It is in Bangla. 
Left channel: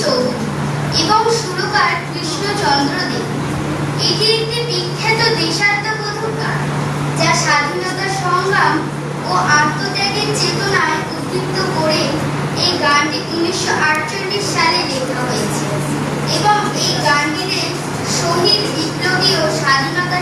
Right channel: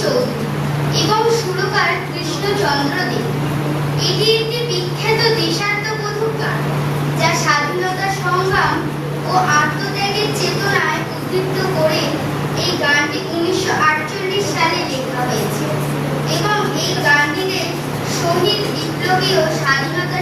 চৌধুরী এবং সুরকার কৃষ্ণচন্দ্র দে। এটি একটি বিখ্যাত দেশাত্মবোধক গান, যা স্বাধীনতা সংগ্রাম ও আত্মত্যাগের চেতনায় উদ্বুদ্ধ করে। এই গানটি 1948 সালে লেখা হয়েছে এবং এই গানটিতে শহীদ বিপ্লবী ও স্বাধীনতা